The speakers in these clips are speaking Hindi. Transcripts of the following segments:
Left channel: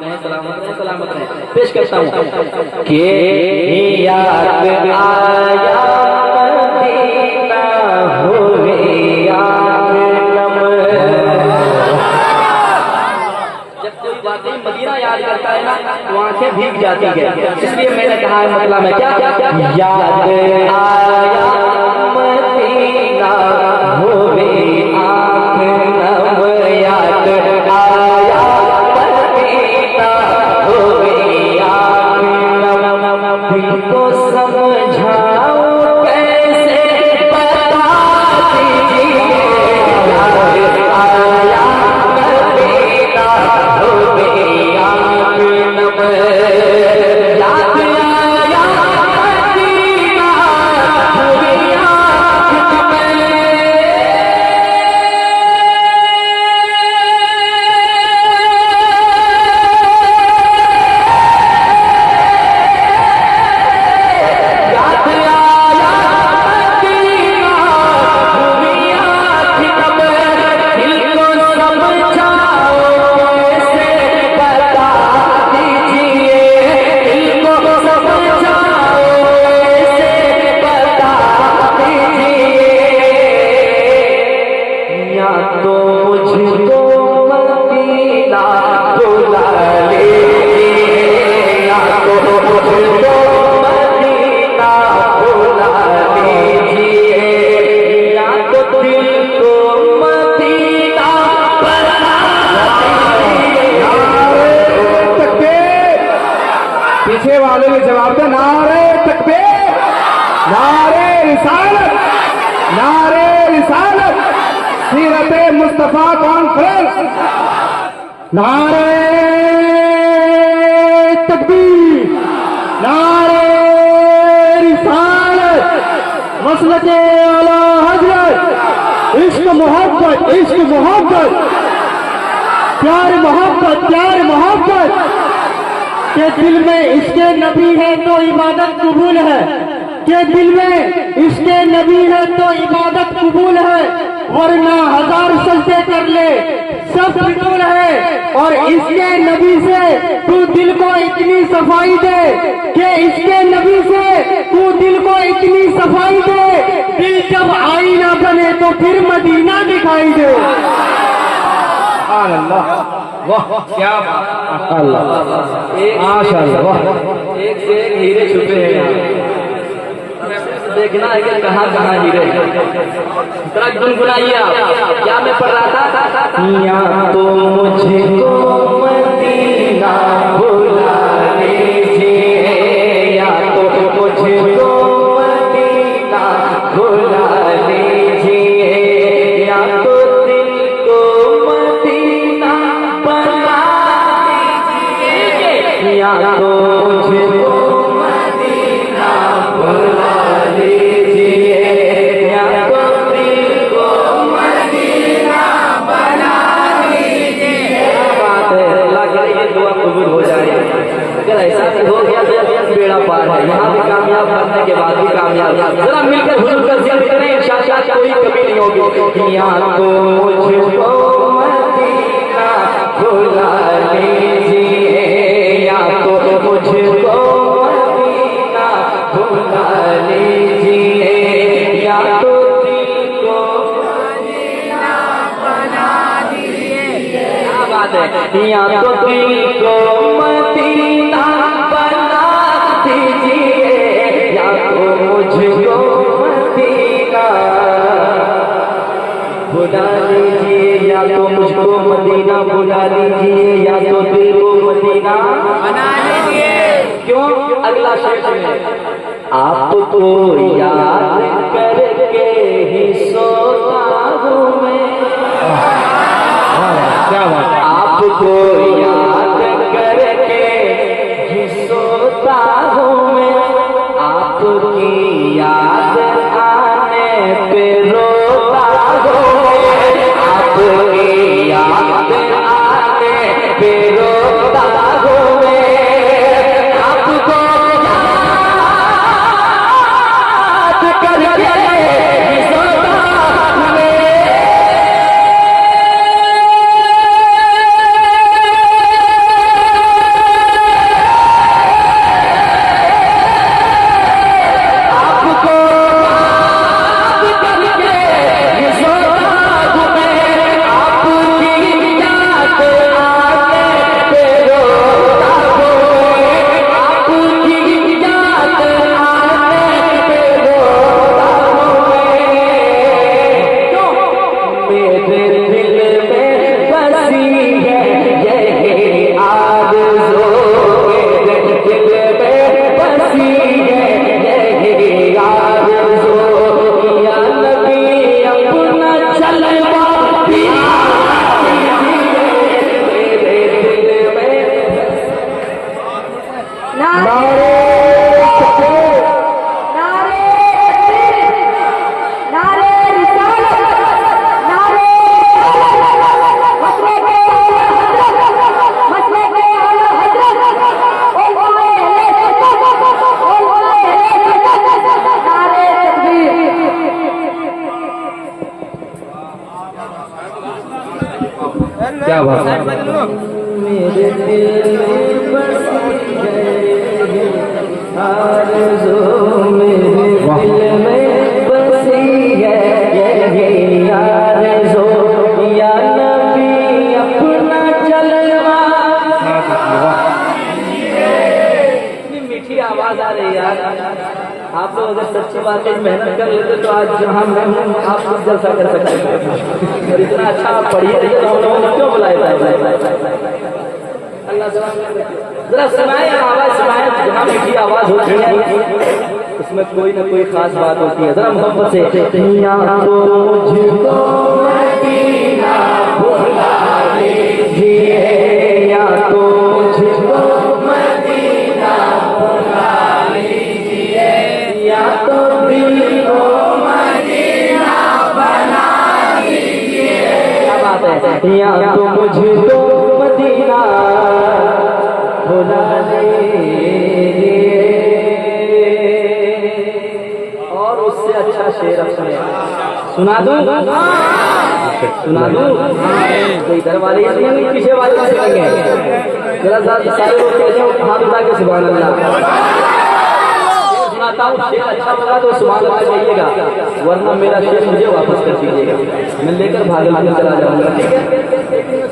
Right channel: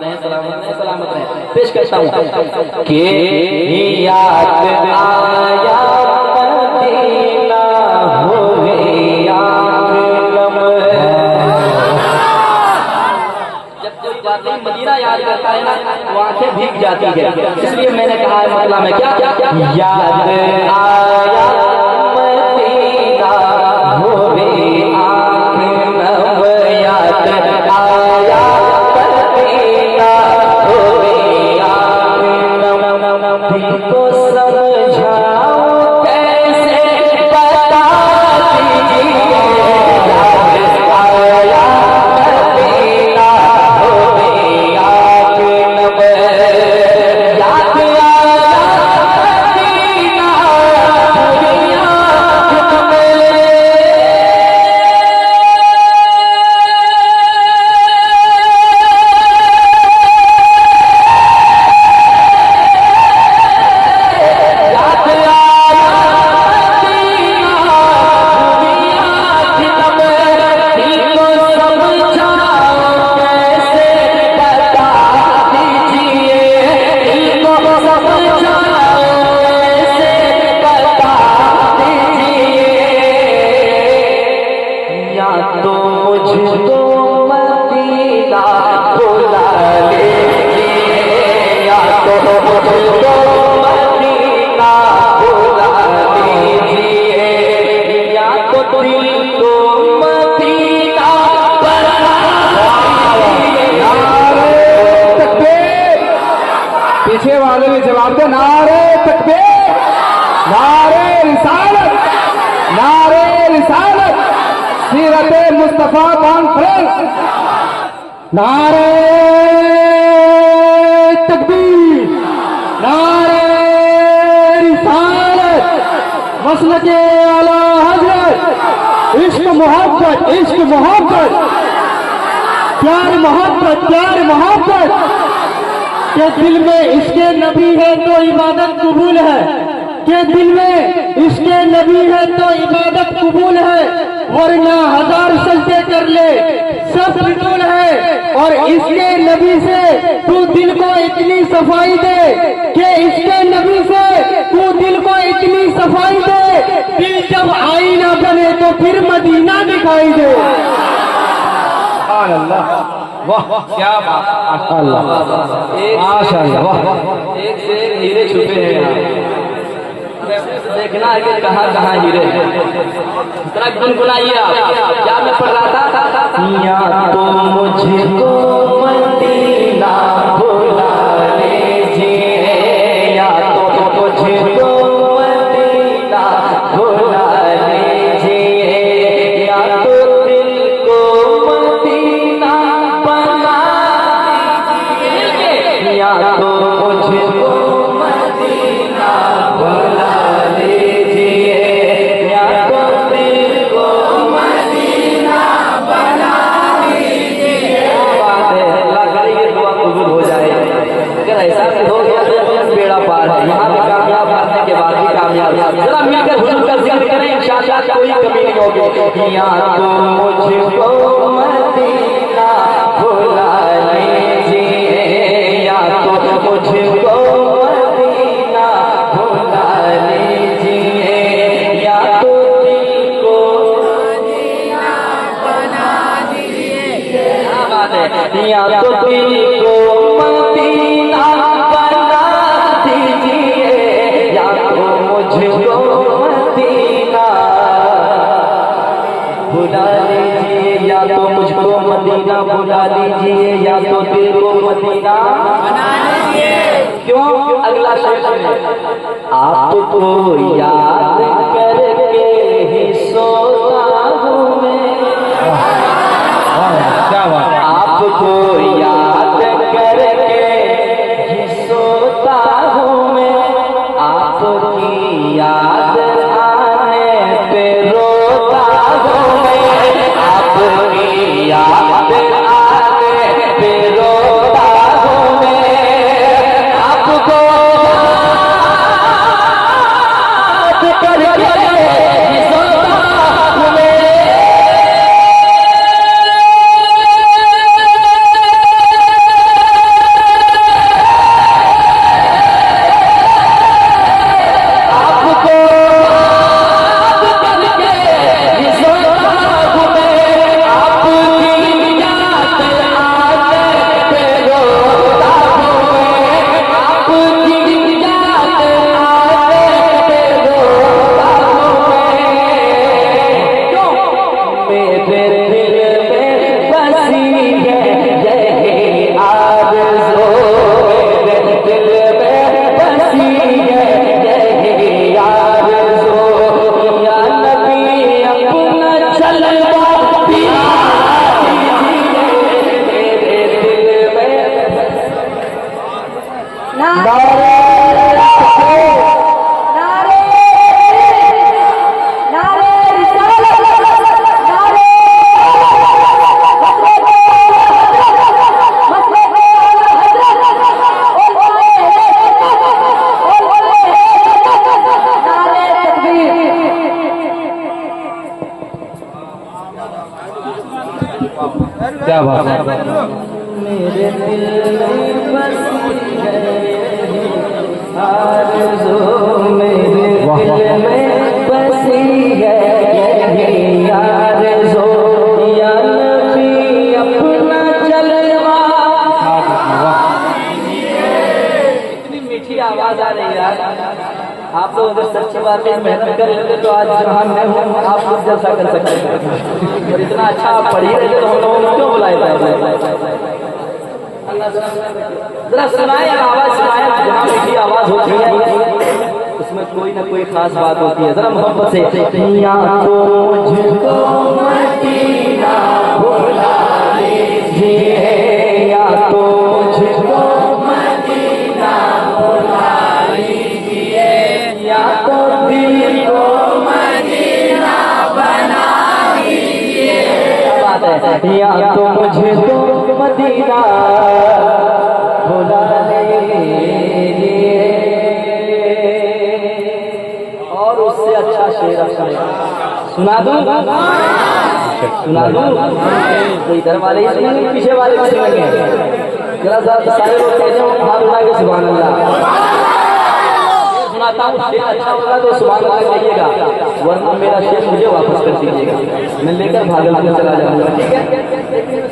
रहे, सलामत रहे। पेश करता हूँ कि याद आया मदीना हुए मदीना याद करता है ना तो आंखें भीग जाती है। इसलिए मैंने कहा है मतलब है क्या याद आया मदीना होवे आँख नम, याद आया मदीना होवे आँख नम, दिल को समझा कैसे बता दीजिए, याद आया मदीना पीछे वाले भी जवाब दे, नारे तकबीर, नारे रिसालत, नारे रिसालत, सीरत मुस्तफा कॉन्फ्रेंस, नारे तकबीर, नारे रिसालत, मसलके आला हजरत, इश्क मोहब्बत, इश्क मोहब्बत, प्यार मोहब्बत, प्यार मोहब्बत के दिल में इसके नबी है तो इबादत कबूल है, के दिल में इसके नबी है तो इबादत कबूल है, वरना हजार सजदे कर ले सब फिजूल है। और इसके नबी से तू दिल को इतनी सफाई दे कि इसके नबी से तू दिल को इतनी सफाई दे, दिल जब आईना बने तो फिर मदीना दिखाई दे। अल्लाह वाह क्या बात, एक से हीरे छुपे हैं, देखना है कि कहाँ कहाँ हीरे। गुनगुनाइए आप, क्या मैं पढ़ रहा था, या तो मुझे तो मदीना बुला लीजिए, या तो मुझे तो मदीना बुला लीजिए, या तो दिल को मदीना बना लीजिए, या तो मुझे तो मदीना बुला लीजिए, या तो दिल को मदीना बना लीजिए। लग रही है दुआ कबूल हो जाए। अगर ऐसा हो गया तो बेड़ा पार है, यहाँ पे कामयाब करने के बाद भी कामयाब। जरा मिलकर हुजूर का जिक्र करें, इंशाअल्लाह कोई कमी नहीं होगी। या तो मुझको मदीना बुला लीजिए, या तो मुझको मदीना बुला लीजिए, या तो दिल को मदीना बना लीजिए। क्या बात है, या तो दिल को मदीना बना दीजिए, या तो मुझको मदीना बुला लीजिए, या तो मुझको मदीना बुला लीजिए, या तो दिल को मदीना बना लीजिए। क्यों? अगला शेर में आपको याद करके ही सोता हूँ मैं, आपको याद करके ही सोता हूँ मैं, आपकी याद आने पे रोता हूँ मैं, आपकी याद आने पे रोता हूँ मैं, आपको याद करके ही सोता हूँ मैं। क्या बात है। मेरे दिल में बसी है आरज़ू, मेरे दिल में बसी है यही आरज़ू, या नबी अपना जलवा। इतनी मीठी आवाज आ रही है यार। आप लोग अगर सच्ची बात में मेहनत कर लेते तो आज जहाँ मैं हूँ आप कुछ जैसा कर सकते हैं। और इतना अच्छा आप पढ़िए क्यों बुलाए जरा सुनाए, आवाज सुनाए। जहाँ मीठी आवाज होती है उसमें कोई ना कोई खास बात होती है। जरा मोहब्बत से या तो मुझको मदीना बुला लीजिए, या तो मुझको मदीना बुला लीजिए, या तो दिल को मदीना बना लीजिए। क्या बात है। या तो मुझको मदीना बुला लीजिए। और उससे अच्छा शेर सुना दूं, सुना दूं। तो इधर वाले इसमें पीछे वाले सुनेंगे। जरा सारे लोग कहते हैं हाथ उठा के सुभान अल्लाह। सुनाता हूँ, शेर अच्छा लगा तो सुभान अल्लाह कहिएगा, वरना मेरा शेर मुझे वापस कर दीजिएगा, मैं लेकर भागलपुर चला जाऊंगा। ठीक है,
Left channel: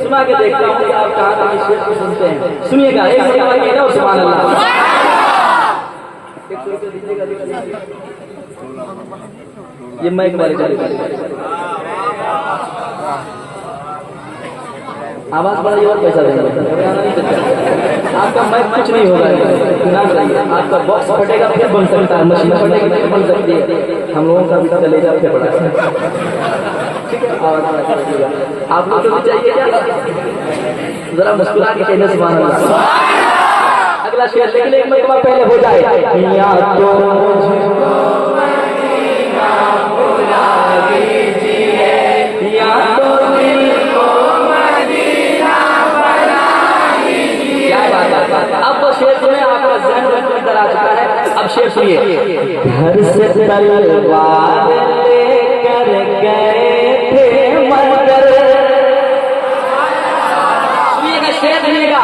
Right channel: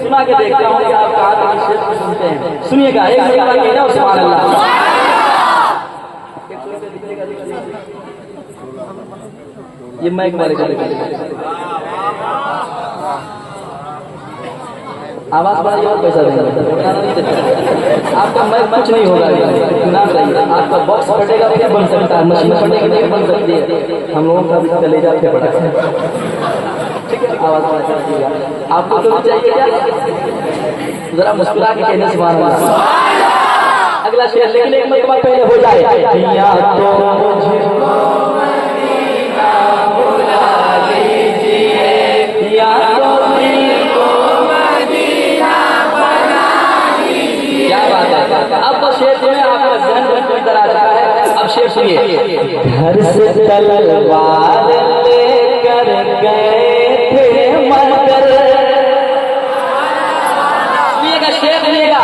सुना के देखता हूँ कि आप कहाँ शेर सुनते हैं। सुनिएगा, एक मरतबा और सुभान अल्लाह। ये माइक वाले आवाज बढ़ाइए और पैसा देंगे। आपका माइक कुछ नहीं होगा, सुना चाहिए। आपका बॉक्स फटेगा फिर बन सकता है, मशीन फटेगी फिर बन सकती है। हम लोगों का भी कलेजा फटेगा। ठीक है, आवाज बढ़ा दीजिएगा। आप लोग को चाहिए क्या? जरा मुस्कुरा के कहने सुभान अल्लाह। अगला शेर लेकिन एक मरतबा पहले हो जाए। अब शेर सुनिए। घर से तलवार लेकर गए थे मगर, सुनिएगा शेर सुनिएगा।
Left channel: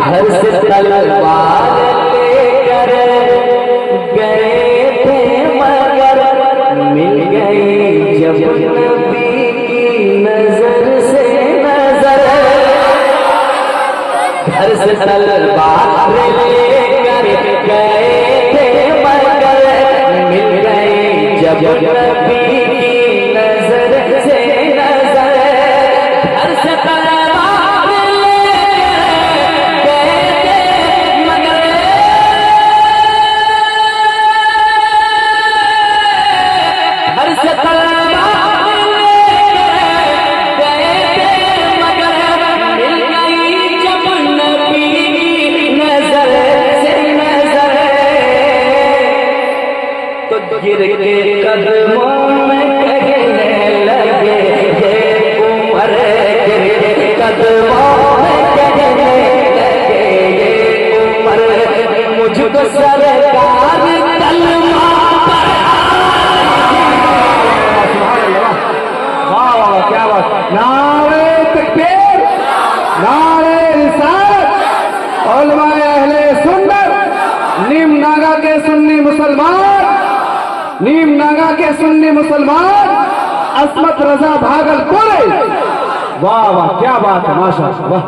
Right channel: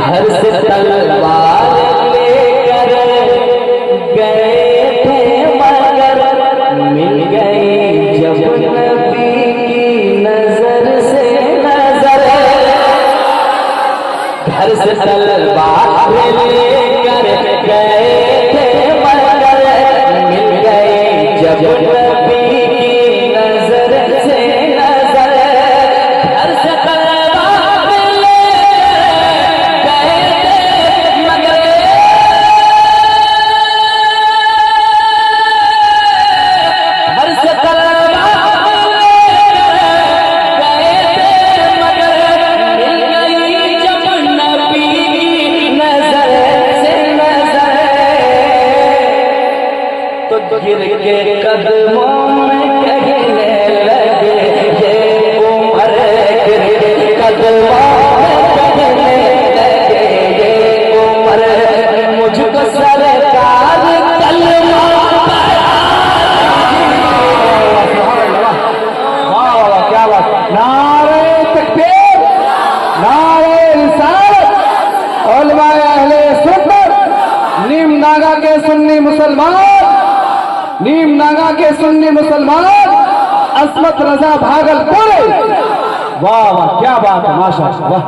घर से तलवार लेकर गए थे मगर, मिल गई जब नबी की नजर से नजर। घर से तलवार लेकर गए थे मगर, मिल गए जब नबी की नजर से नजर। घर से तलवार लेकर गए थे मगर, घर से तलवार लेकर गए थे मगर, मिल गई जब नबी की नजर से नजर। तो गिर के कदमों में कहने लगे ये उमर, गिर के कदमों में कहने लगे ये उमर, मुझको सरकार कलमा क्या बात। नारे तकबीर, नारे रिसालत। उलमाए अहले सुन्नत, नीम नागा के सुन्नी मुसलमान, नीम नागा के सुन्नी मुसलमान, अस्मत रजा भागलपुर। वाह वाह, क्या बात है, माशाअल्लाह। वाह,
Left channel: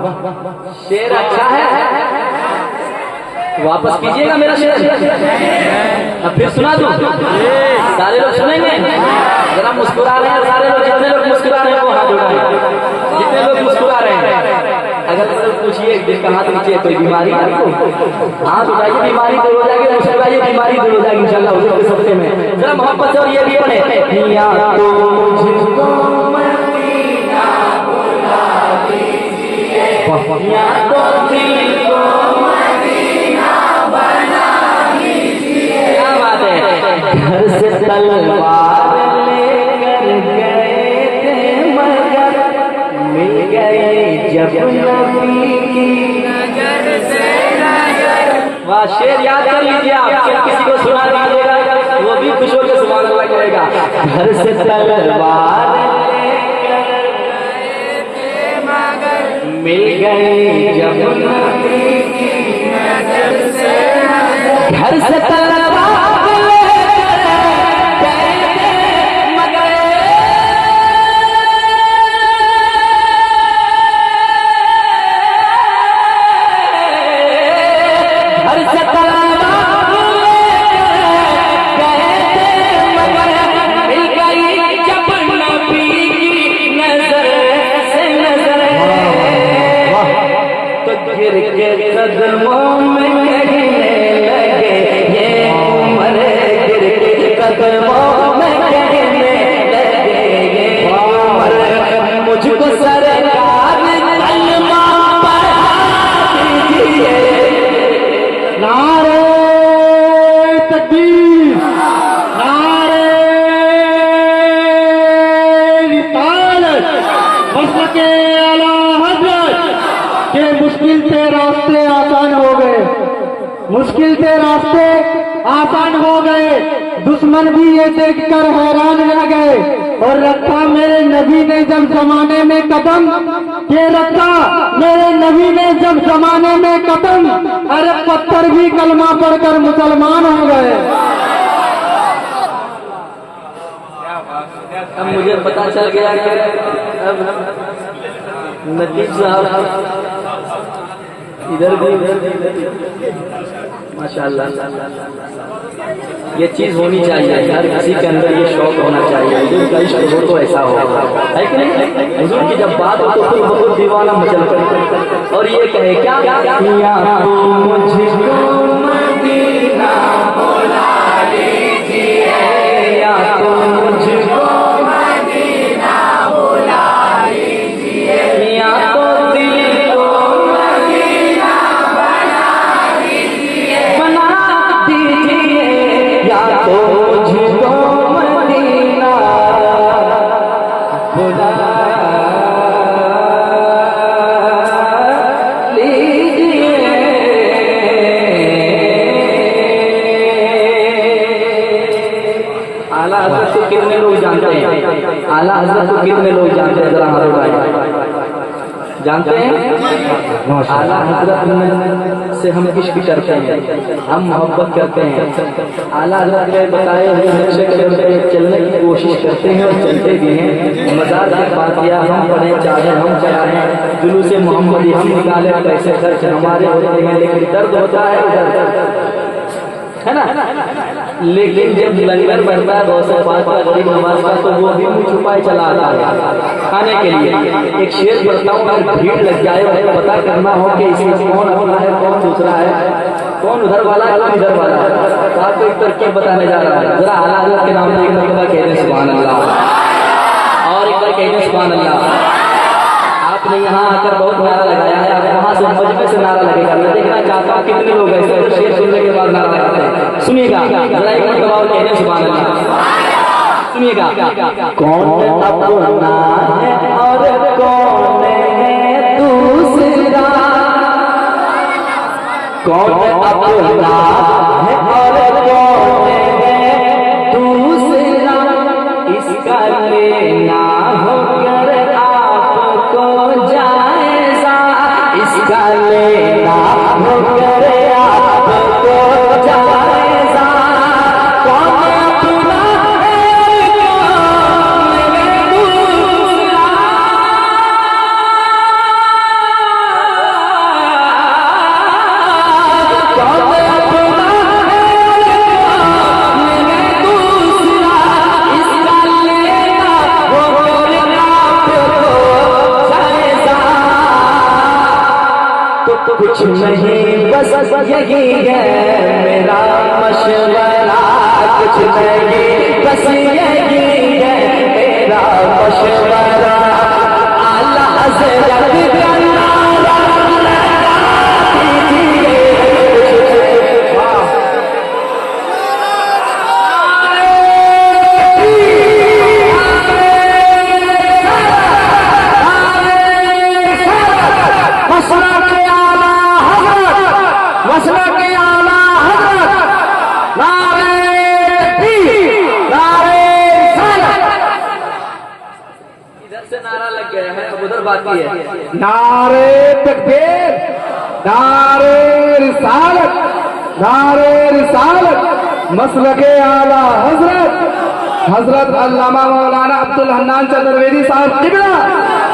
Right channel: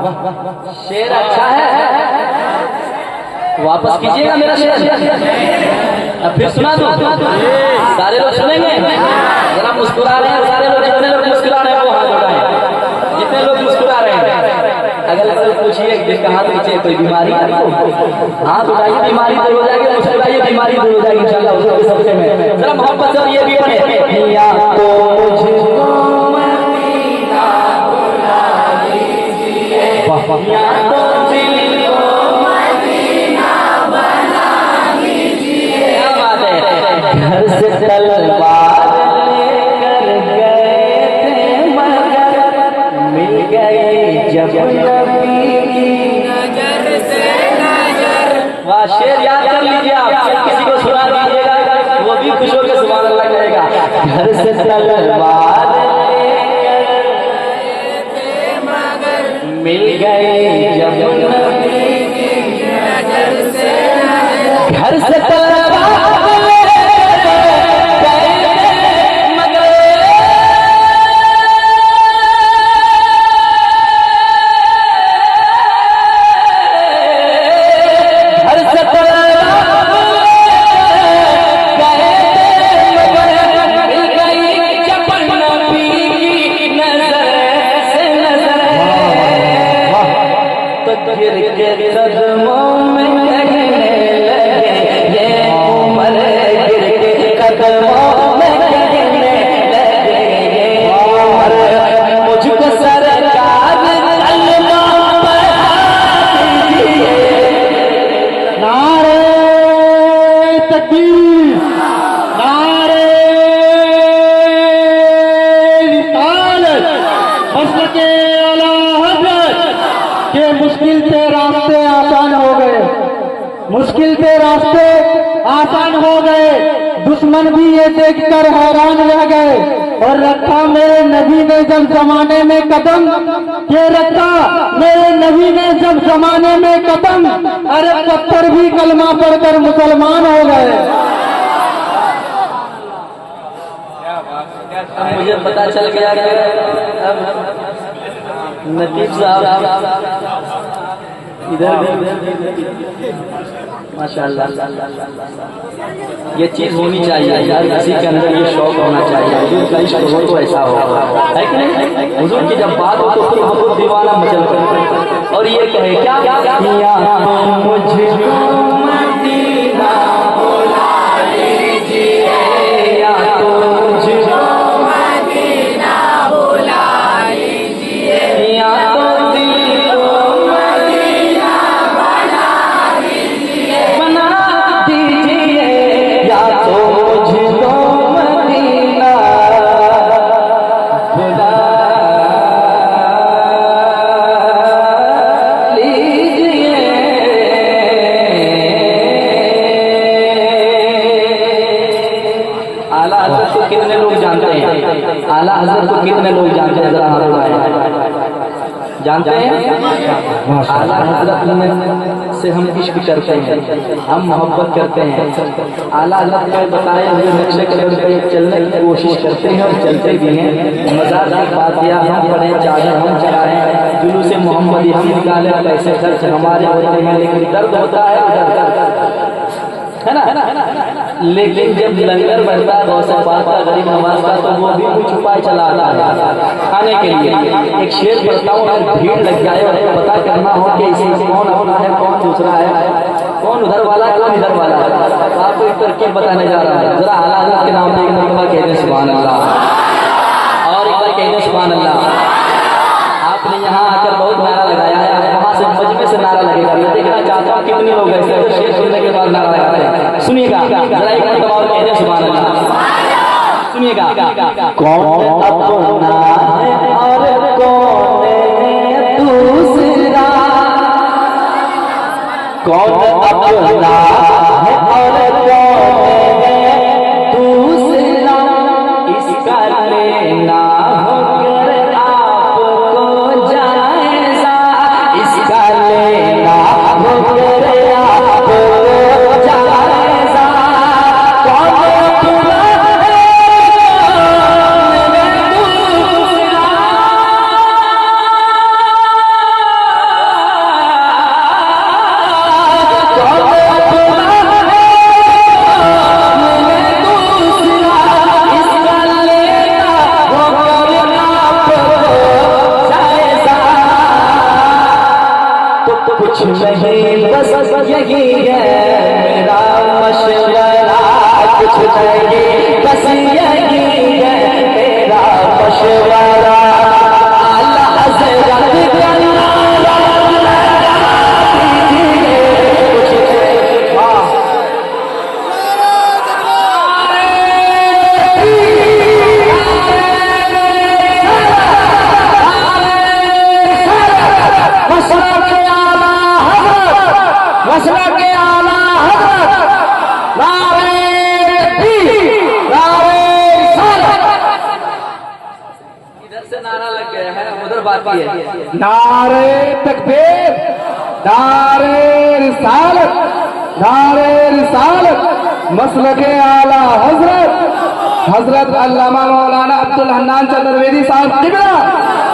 शेर अच्छा है, वापस कीजिएगा मेरा शेर। अब फिर सुना दूं, सारे लोग सुनेंगे। जरा मुस्कुरा रहे हैं सारे लोग, जितने लोग मुस्कुरा रहे हैं वो हाथ उठाएं, जितने लोग मुस्कुरा रहे हैं। अगर कोई पूछिए जिनका हाथ नीचे कोई बीमारी है तो हाथ उठाइए, बीमारी दूर हो जाएगी। मुस्कुराइए, बीमारी दूर हो जाएगी इंशाल्लाह। उसके सबसे में जरा मोहब्बत से और ये भी पढ़े। या तो मुझको मदीना बुला लीजिए, या तो दिल को मदीना बना लीजिए। क्या बात है। घर से तलवार लेकर गए थे मगर, मिल गई जब नबी की नजर से नजर। वाह, शेर याद कर लीजिए आप। किसी को सुना दीजिएगा वो भी खुश होकर सुभान अल्लाह करेगा। घर से तलवार लेकर गए थे मगर, मिल गए जब नबी की नजर से घर से तलवार गिर के कदमों में कहने लगे, ये उम्र गिर के कदमों में कहने लगे, ये उम्र मुझको सरकार कलमा पढ़ा दीजिए। नारे तकबीर, नारे रिसालत, मसलक आला हज़रत के मुश्किल से रास्ते आसान हो गए, मुश्किल से रास्ते आसान हो गए। दुश्मन भी ये देखकर हैरान रह गए और रखा मेरे नबी ने जब जमाने में कदम, ये रखा मेरे नबी ने जब जमाने में कदम, अरे पत्थर भी कलमा पढ़कर मुसलमान हो गए। अब मुझे पता चल गया कि नतीब साहब इधर भी माशाल्लाह, ये चीज होनी चाहिए यार, किसी के अंदर ये शौक होना चाहिए, हुजूर का इश्क हो तो ऐसा होगा, है कि नहीं? हुजूर की जब बात हो तो फिर बहुत दीवाना मचल कर, और ये कहे क्या या मुझको मदीना बुला लीजिए, या तो मुझको मदीना बुला लीजिए, या तो दिल को मदीना बना लीजिए, बना दीजिए, या तो मुझको मदीना बुला लीजिए। आला हज़रत को कितने लोग जानते हैं? आला हज़रत को कितने लोग जानते हैं? जरा हाथ उठाइए। जानते हैं? आला हज़रत से हम इश्क करते हैं, हम मोहब्बत करते हैं। आला हज़रत के बताए हुए नक्शे कदम पे चलने की कोशिश करते हैं और चलते भी हैं। मज़ार की बातियाँ हम पढ़ें, चाहे हम चलाएं, जुलूस मोहम्मदी हम निकालें, पैसे खर्च हमारे होते हैं, लेकिन दर्द होता है है ना? लेकिन जब लंगर बनता है बहुत सारे बात का गरीब नवाज का, तो वो भी मुँह छुपाए चला आता है खाने के लिए। एक शेर पढ़ता हूँ, अगर भीड़ लग जाए और पता करना हो कि इसे कौन अपना है, कौन दूसरा है, कौन उधर वाला है, कौन इधर वाला है, तो आपको एक तरकीब बताने जा रहा है। जरा आला हज़रत के नाम से एक मरतबा कह दें सुभान अल्लाह, और एक बार कह दें सुभान अल्लाह। आपने यहाँ आकर बहुत नारा लगाया है, आप वहाँ से मजमे से नारा लगेगा। मैं देखना चाहता हूँ कितने लोग ऐसे शेर सुनने के बाद नारा लगाते हैं। सुनिएगा जरा एक मरतबा और कह दें सुभान अल्लाह। सुनिएगा, कौन अपना है और कौन है दूसरा, कौन अपना है और कौन है दूसरा, इसका लेना होकर आपको जायजा, इसका लेना होकर आपको जायजा, कौन अपना है कौन है दूसरा, कुछ नहीं बस यही है मेरा मशवरा, कुछ नहीं बस यही है मेरा मशवरा, आला हज़रत मसला के आला हज़रत, नारे तकबीर, नारे रिसालत। नारे तकबीर, नारे रिसालत, नारे रिसालत। मसलके आला हजरत अल्लामा मौलाना अब्दुल हन्नान चतुर्वेदी साहब किबला,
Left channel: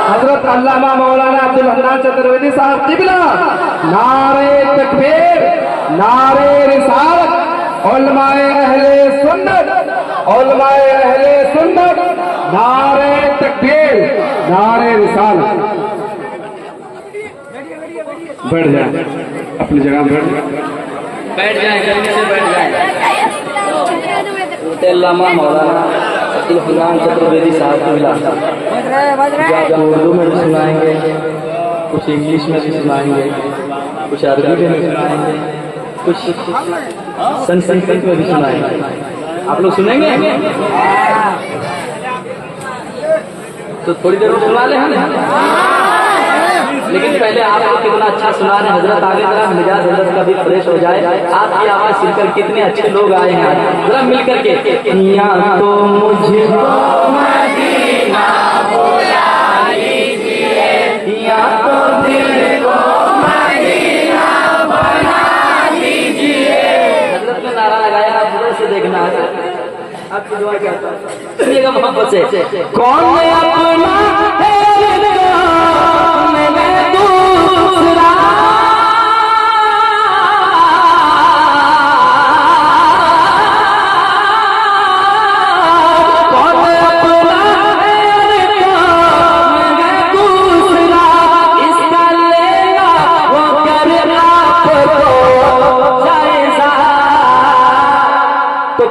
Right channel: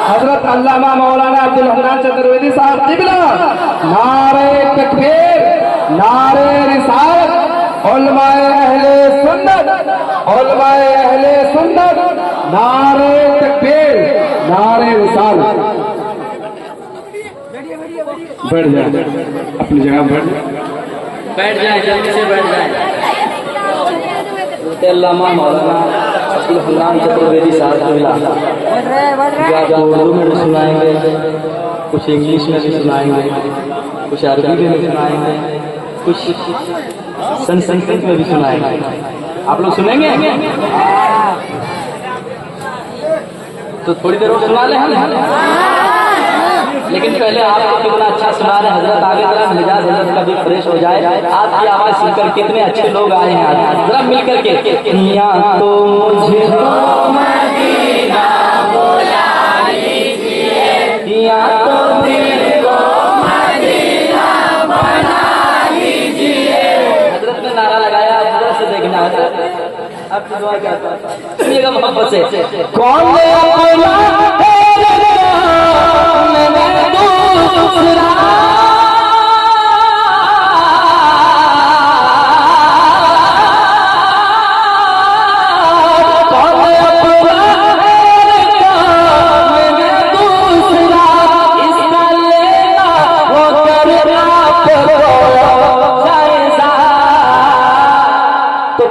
हजरत अल्लामा मौलाना अब्दुल हन्नान चतुर्वेदी साहब किबला। नारे तकबीर, नारे रिसालत। उलमाए अहले सुन्नत, उलमाए अहले सुन्नत। नारे तकबीर, नारे रिसालत। बैठ जाए अपनी जगह, बैठ जाए, जल्दी से बैठ जाए। अल्लामा मौलाना अब्दुल हन्नान चतुर्वेदी साहब उर्दू में भी सुनाएंगे, कुछ इंग्लिश में भी सुनाएंगे, कुछ अरबी में भी सुनाएंगे, कुछ संस्कृत में भी सुनाएंगे। आप लोग सुनेंगे? तो थोड़ी देर में सुना ले हम, लेकिन पहले आपको कितना अच्छा सुना रहे हजरत, आगे तरह मिजाज हजरत का भी फ्रेश हो जाए। आपकी आवाज सुनकर कितने अच्छे लोग आए हैं, जरा मिल करके। यहाँ तो मुझको मदीना बुला लीजिए, यहाँ तो दिल को मदीना बना लीजिए। हजरत ने नारा लगाया, जरा से देखना है आपकी दुआ क्या सुनिएगा मोहब्बत से। कौन अपना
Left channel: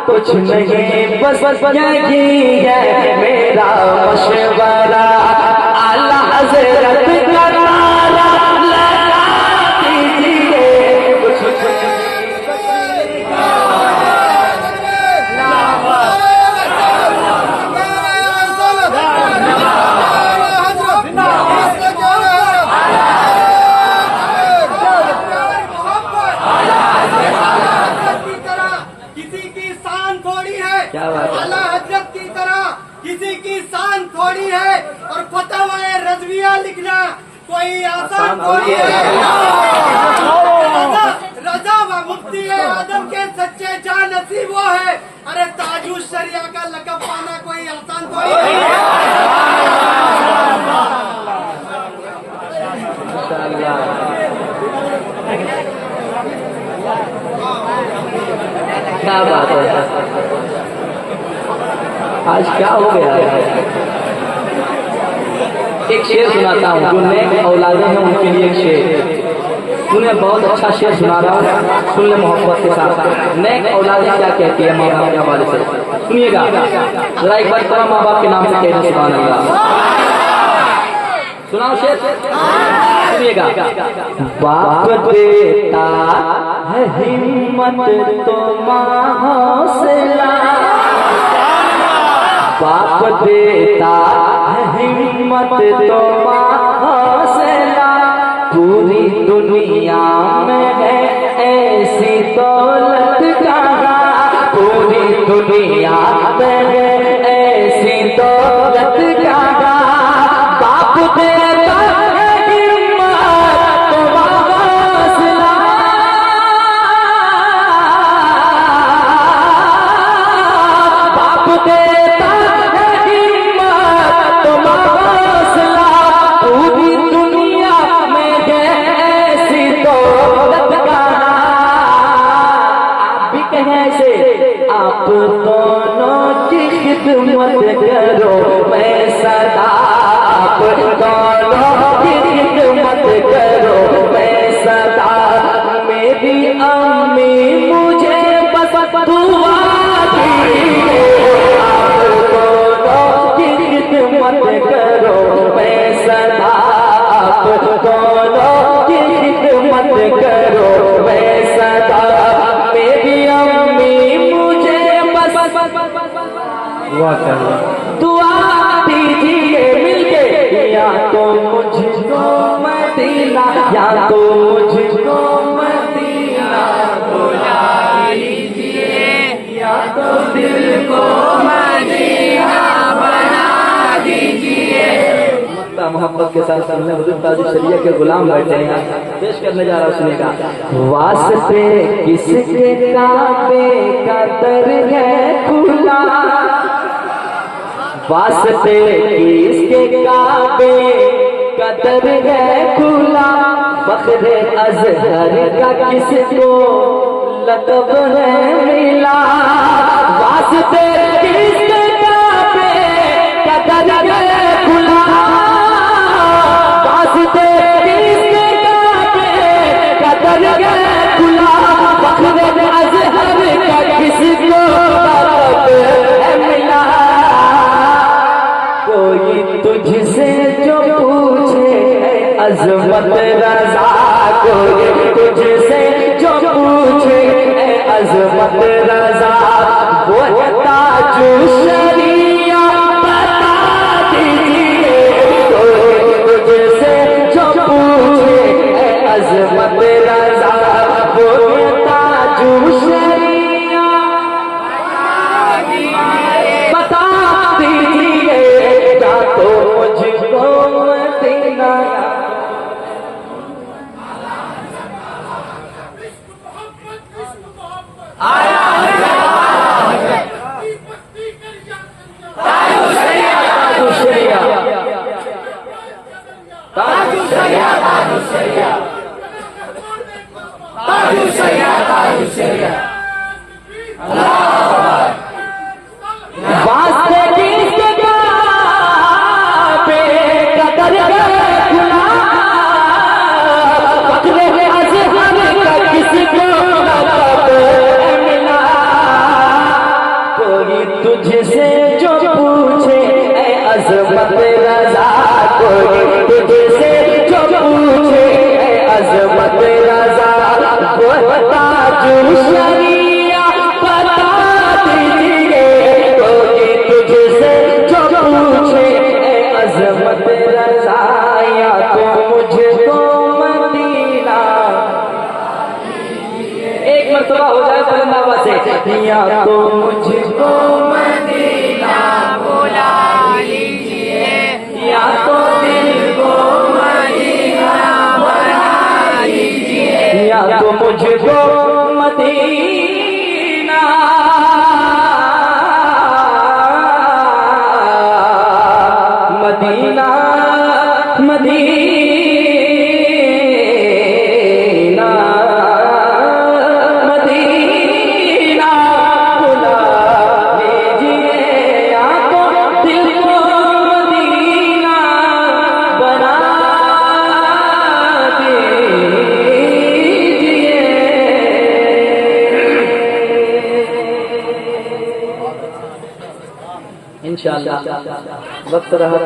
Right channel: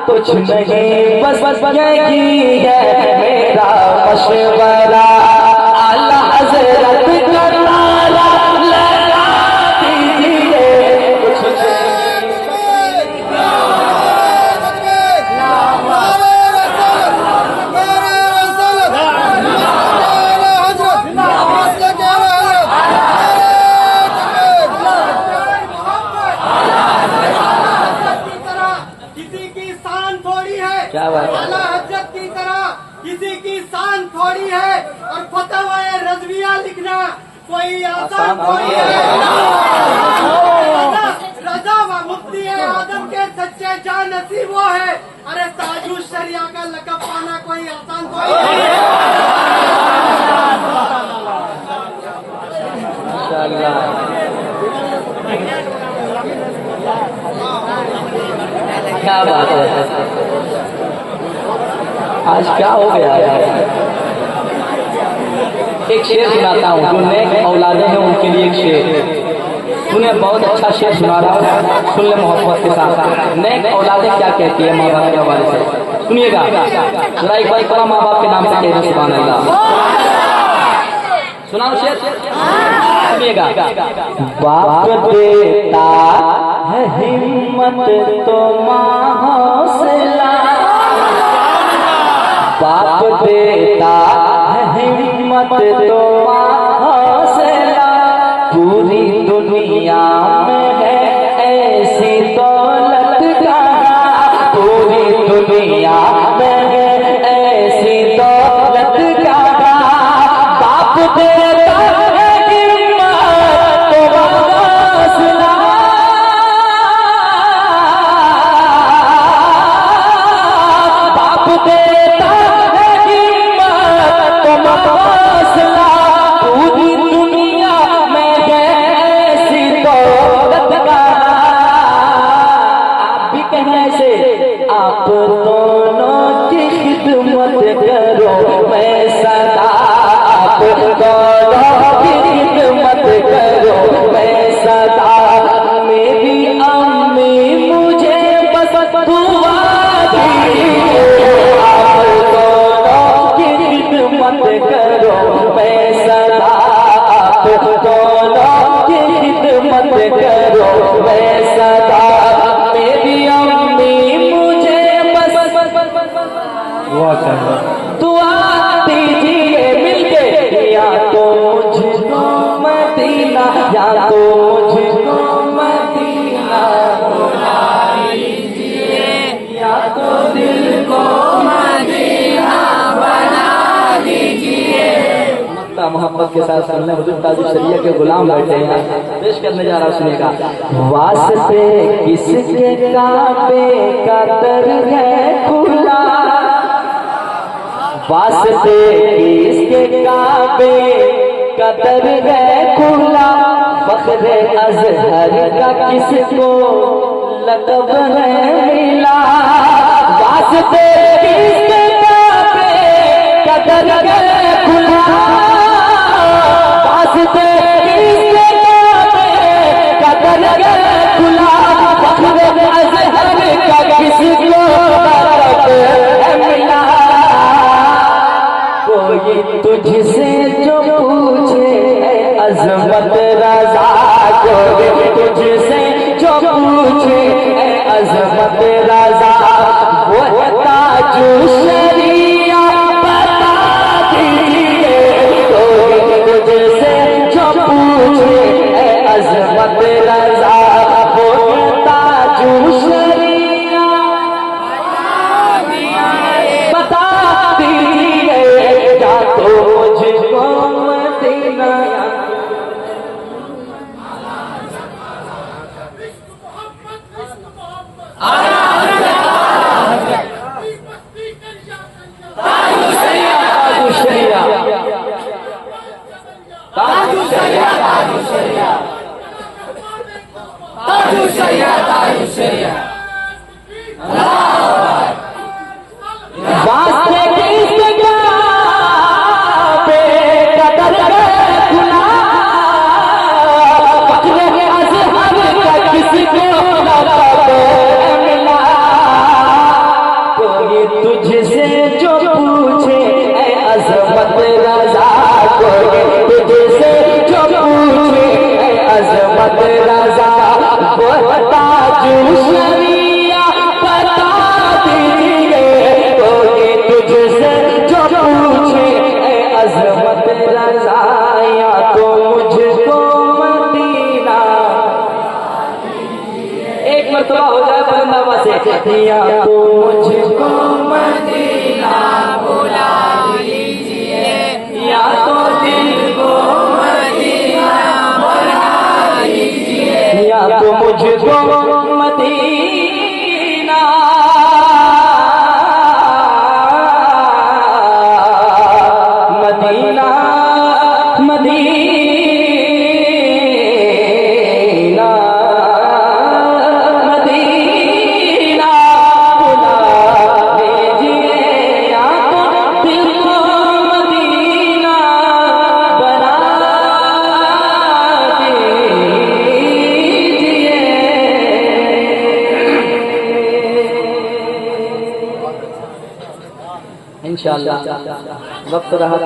कुछ नहीं बस यही है मेरा मशवरा, आला हज़रत का नारा लगा दीजिए। कुछ क्या बात है? आला हजरत की तरह किसी की शान थोड़ी है, और फतवा रज़विया लिखना कोई आसान थोड़ी है। रजा व मुफ्ती आदम के सच्चे जान नसीब वो है। अरे ताजुश शरिया का लक़ब पाना कोई आसान थोड़ी है। क्या बात है? आज क्या हो गया है? एक शेर सुनाता हूँ, जो नेक औलादे हैं उनके लिए एक शेर सुनिए। बहुत अच्छा शेर सुना रहा हूँ, सुन ले मोहब्बत के साथ। नेक औलादे क्या कहती है माँ बाप के हमारे से, सुनिएगा जरा एक बार तरह माँ बाप के नाम से कहने सुनाएगा। सुनाओ शेर, सुनिएगा। बाप देता है हिम्मत तो माँ हौसला, बाप देता है हिम्मत तो हौसला। पूरी दुनिया में है ऐसी दौलत कहाँ, पूरी दुनिया में है ऐसी दौलत कहाँ। बाप देता है हिम्मत तो हौसला, बाप देता पूरी दुनिया में ऐसी दौलत का। आप भी कहें से आप दोनों की खिदमत करो मैं सदा, आप दोनों की खिदमत करो मैं सदा। मेरी अम्मी मुझे बस दुआ दीजिए, आप दोनों की खिदमत करो मैं सदा, आप दोनों की खिदमत करो मैं सदा। मेरी अम्मी मुझे बस दुआ दीजिए मिलके, या तो मुझको मदीना, या तो मुझको मदीना बुला लीजिए, या तो दिल को मदीना बना दीजिए। मोहब्बत के साथ सुनने हुजूर ताजुल शरिया के गुलाम बैठे हैं, पेश करने जा रहा हूँ, सुनेगा। वास्ते किसके काबे का दर है खुला, वास्ते किसके काबे का दर है खुला, फख्र अज़हर का किसको लक़ब है मिला, वास्ते किसके काबे का दर है खुला, वास्ते किसके काबे का दर है खुला, फख्र अज़हर का किसको लक़ब है मिला, कोई तुझसे जो पूछे अज़मत रज़ा, कोई तुझसे जो पूछे अज़मत रज़ा, वो ताजु शरिया बता दीजिए, कोई तुझसे जो पूछे अज़मत रज़ा, वो ताजु शरिया बता दीजिए, या तो मुझको मदीना वास्ते किसके काबे का दर है खुला, फख्र अज़हर का किसको लक़ब मिला, कोई तुझसे जो पूछे अज़मत रज़ा, कोई तुझसे जो पूछे अज़मत रज़ा, वो ताजुल शरिया बता दीजिए, कोई तुझसे जो पूछे अज़मत रज़ा, या तो मुझको मदीना, एक मरतबा हो जाए बुलंद आवाज़ से, या तो मुझको मदीना बुला लीजिए, या तो दिल को मदीना बना लीजिए, या तो मुझको मदीना मदीना मदीना मदीना बुला लीजिए, या तो दिल को मदीना बना दीजिए। इंशाअल्लाह वक्त रहा